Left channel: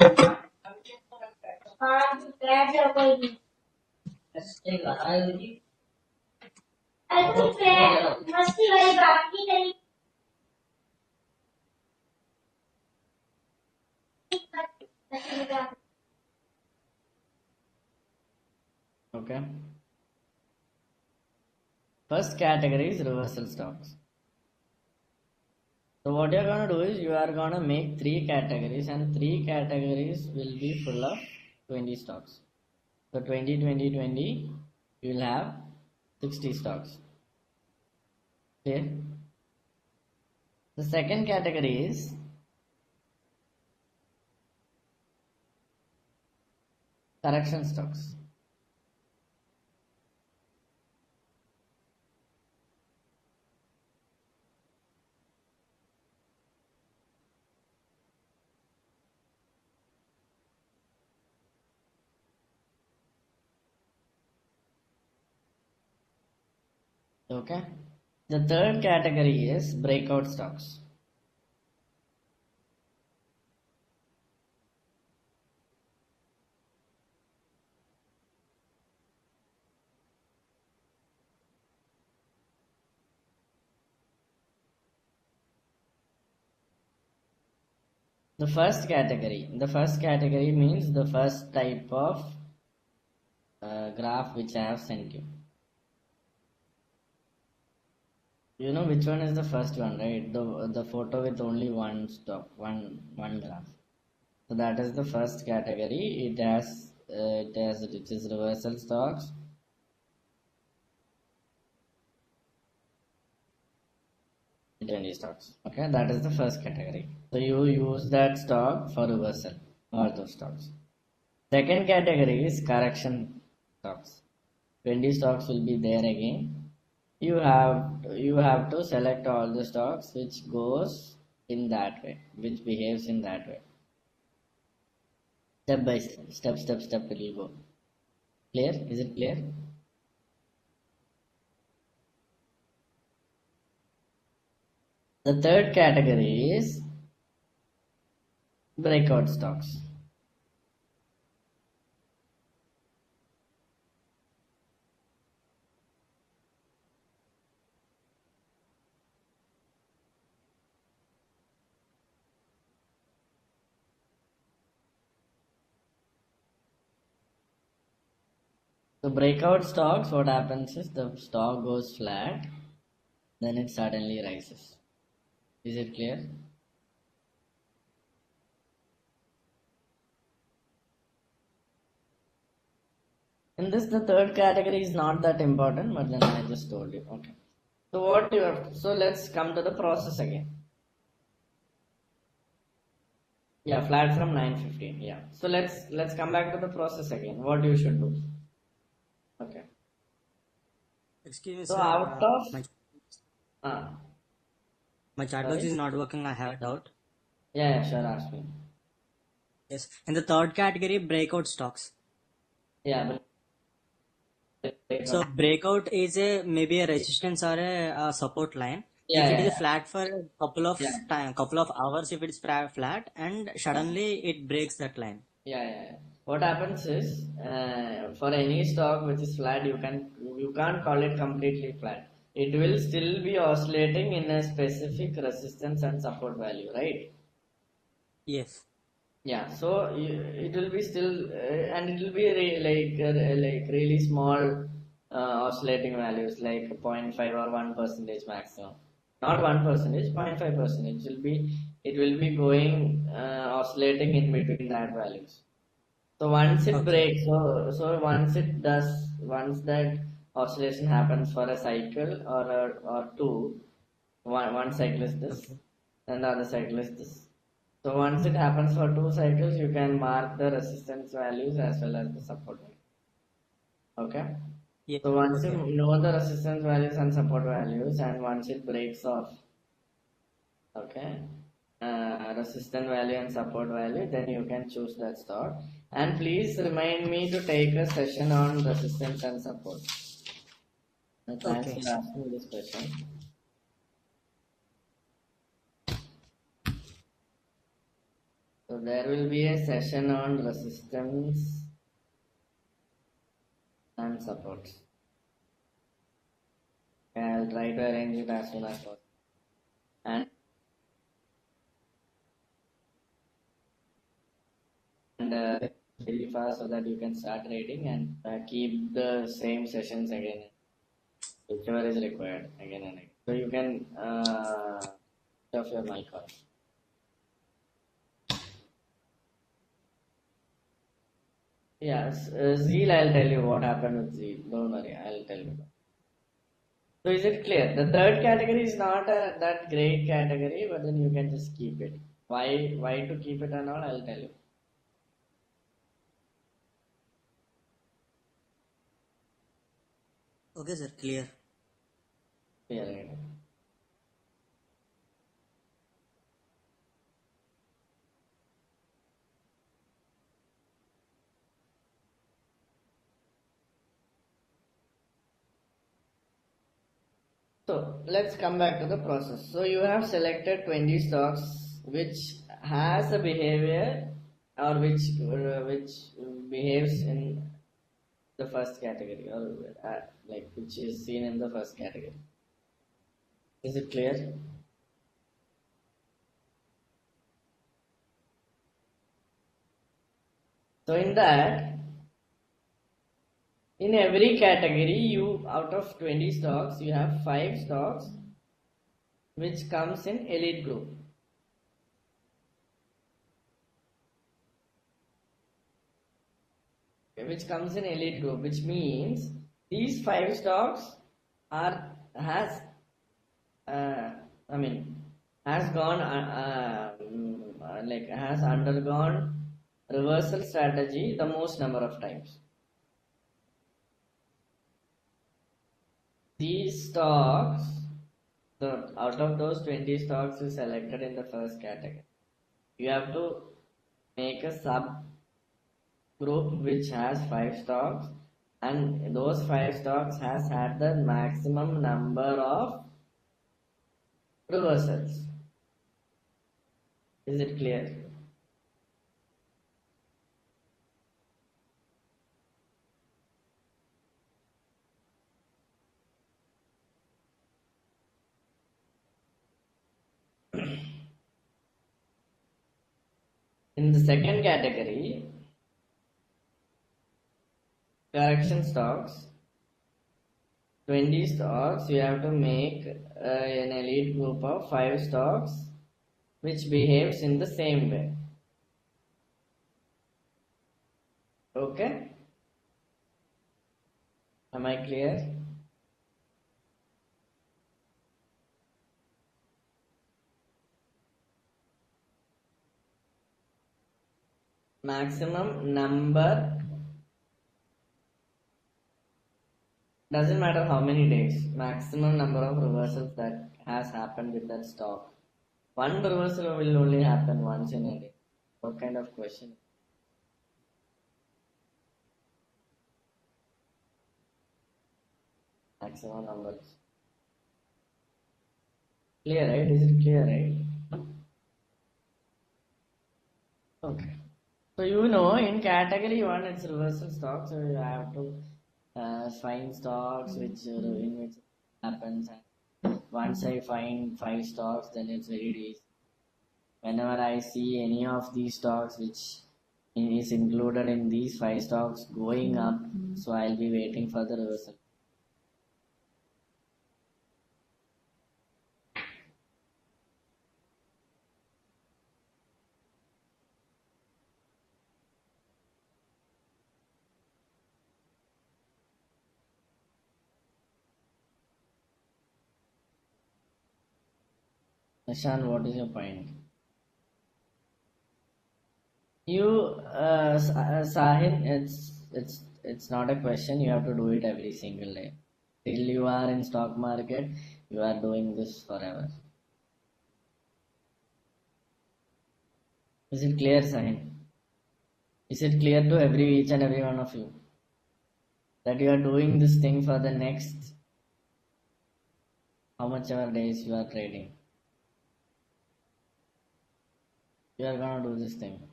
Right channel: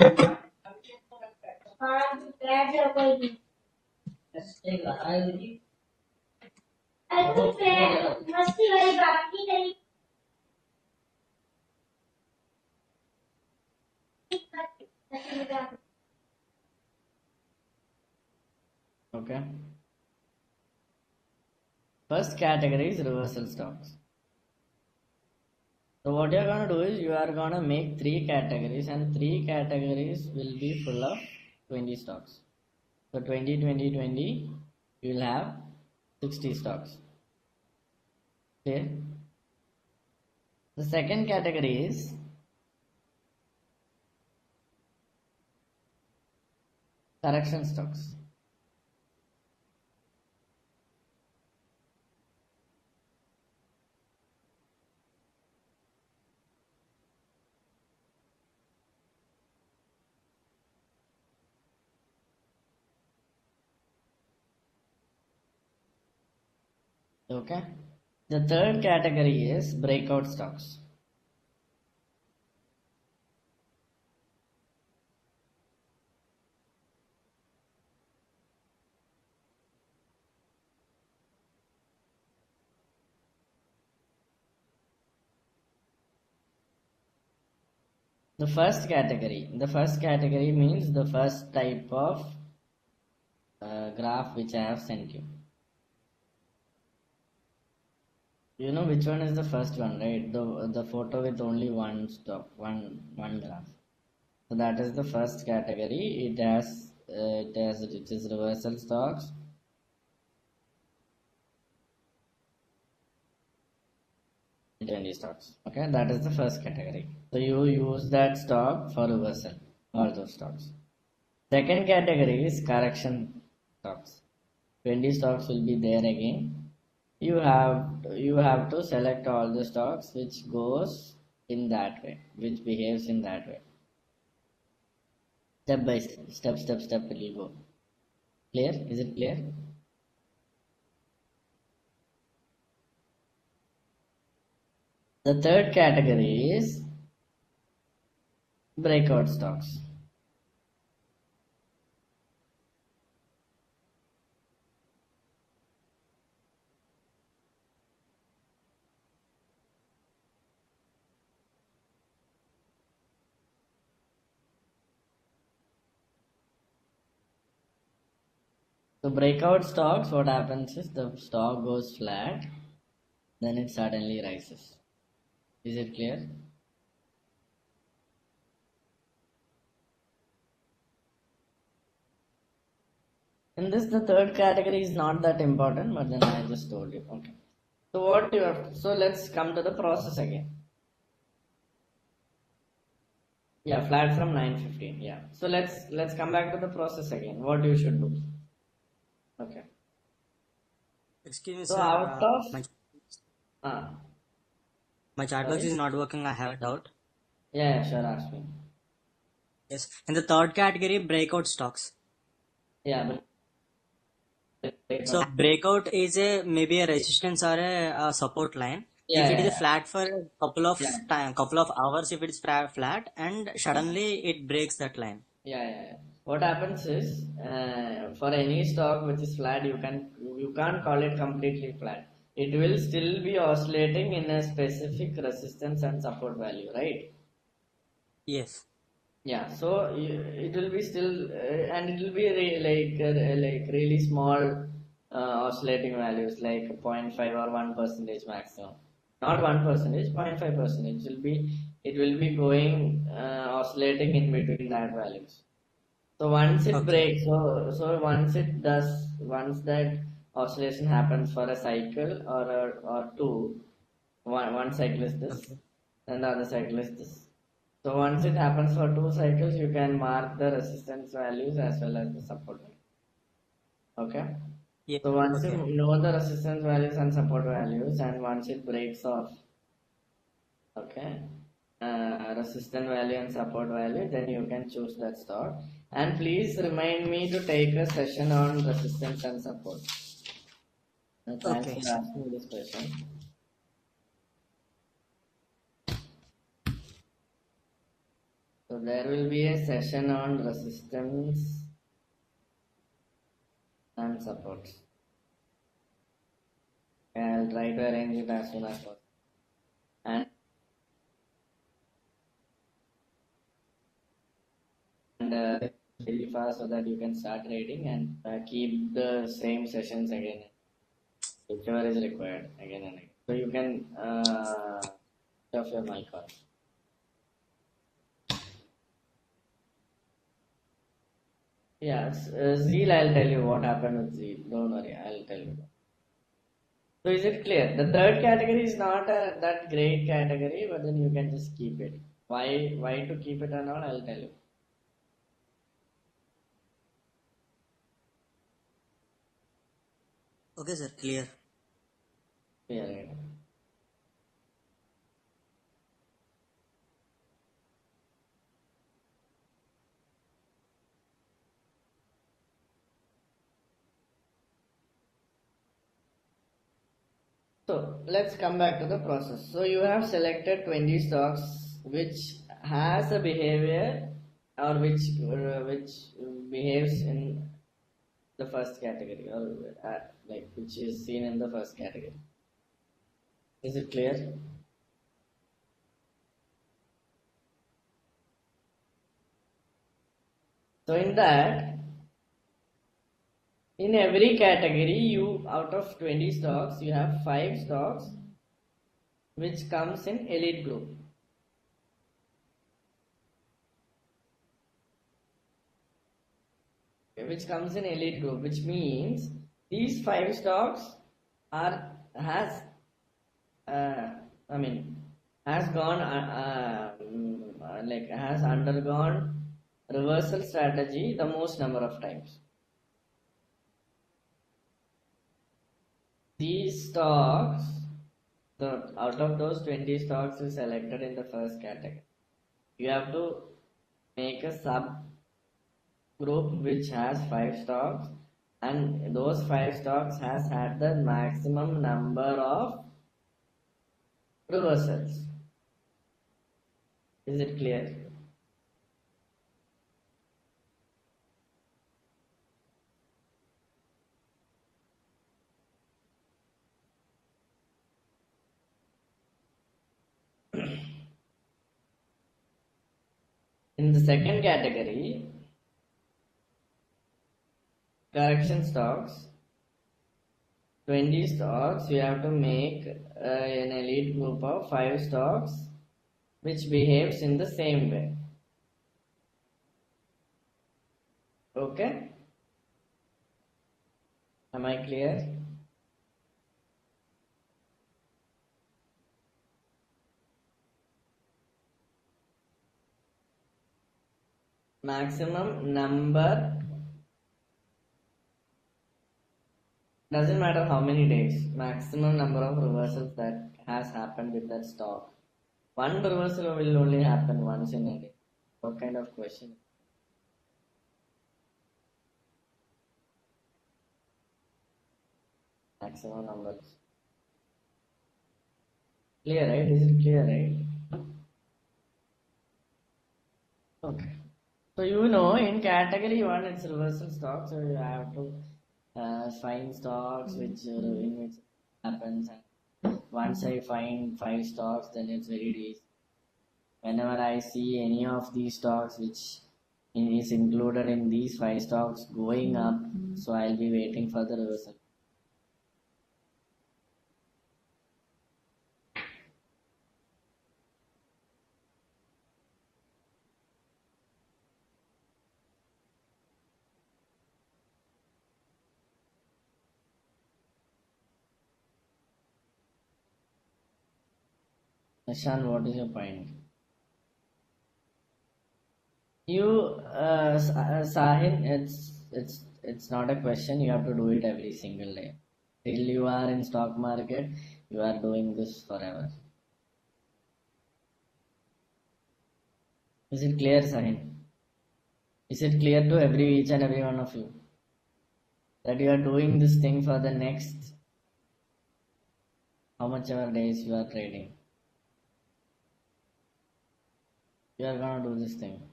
Okay. First category is reversal stocks. So what you're gonna do is you are gonna make three categories, and three categories will be full of 20 stocks. So 20, 20, 20, you'll have 60 stocks. Okay. The second category is correction stocks. Okay. The third category is breakout stocks. The first category means the first type of graph which I have sent you. You know which one is the first one, right? The photo with only one stock, one graph. So that is the first category. It is reversal stocks. Trendy stocks. Okay, that is the first category. So you use that stock for reversal, all those stocks. Second category is correction stocks. 20 stocks will be there again. You have to select all the stocks which goes in that way, which behaves in that way. Step by step will you go. Clear? Is it clear? The third category is breakout stocks. So breakout stocks, what happens is the stock goes flat, then it suddenly rises. Is it clear? In this, the third category is not that important, but then I just told you. Okay. So what you have? So let's come to the process again. Yeah, flat from 9:15. Yeah. So let's come back to the process again. What you should do? Okay. Excuse me, So sir. out of uh, My chat box is not working. I have a doubt. yeah, sure, ask me. Yes. In the third category, breakout stocks. Yeah. So breakout is maybe a resistance or a support line. Yeah, If it yeah, is flat for a yeah. couple of hours, if it's flat, and suddenly it breaks that line. Yeah. What happens is, for any stock which is flat, you can't call it completely flat. It will still be oscillating in a specific resistance and support value, right? Yes. Yeah. So it will be still, and it will be like really small oscillating values, like 0.5 or 1% maximum. Not 1%, 0.5%. It will be going oscillating in between that values. So once it Okay. breaks, so once that oscillation happens for a cycle or two, one cycle is this, and the other cycle is this. So once it happens for two cycles, you can mark the resistance values as well as the support values. Okay. Yeah. So once you Okay. know the resistance values and support values, and once it breaks off, okay, resistance value and support value, then you can choose that stock. And please remind me to take a session on resistance and support. Thanks Okay. for asking this question. So So there will be a session on resistance and supports. I'll try to arrange it as soon as possible. And really fast so that you can start reading and keep the same sessions again, whichever is required again and again. So you can turn off your mic on. Yes, Zeal, I'll tell you what happened with Zeal. Don't worry, I'll tell you. So is it clear? The third category is not that great category, but then you can just keep it. Why to keep it and all, I'll tell you. Okay, sir. Clear. Yeah. So let's come back to the process. So you have selected 20 stocks which has a behavior or which behaves in the first category or like which is seen in the first category. Is it clear? So in that, in every category, you out of 20 stocks, you have 5 stocks which comes in elite group. Which comes in elite group, which means these 5 stocks are has has gone like has undergone reversal strategy the most number of times. These stocks, so out of those 20 stocks you selected in the first category, you have to make a sub group which has 5 stocks, and those 5 stocks has had the maximum number of reversals. Is it clear? In the second category, correction stocks, 20 stocks, you have to make an elite group of 5 stocks which behaves in the same way. Okay? Am I clear? Maximum number, doesn't matter how many days, maximum number of reversals that has happened with that stock. One reversal will only happen once in a day. What kind of question? Maximum numbers. Clear, right? Is it clear, right? Okay. So you know in category 1 it's reversal stocks, so you have to find stocks which in which happens. Once I find 5 stocks, then it's very easy. Whenever I see any of these stocks which is included in these 5 stocks going up, so I'll be waiting for the reversal. Ashan, what is your point? You, Sahil, it's not a question. You have to do it every single day. Till you are in stock market, you are doing this forever. Is it clear, Sahil? Is it clear to each and every one of you that you are doing this thing for the next how much ever days you are trading? You are gonna do this thing.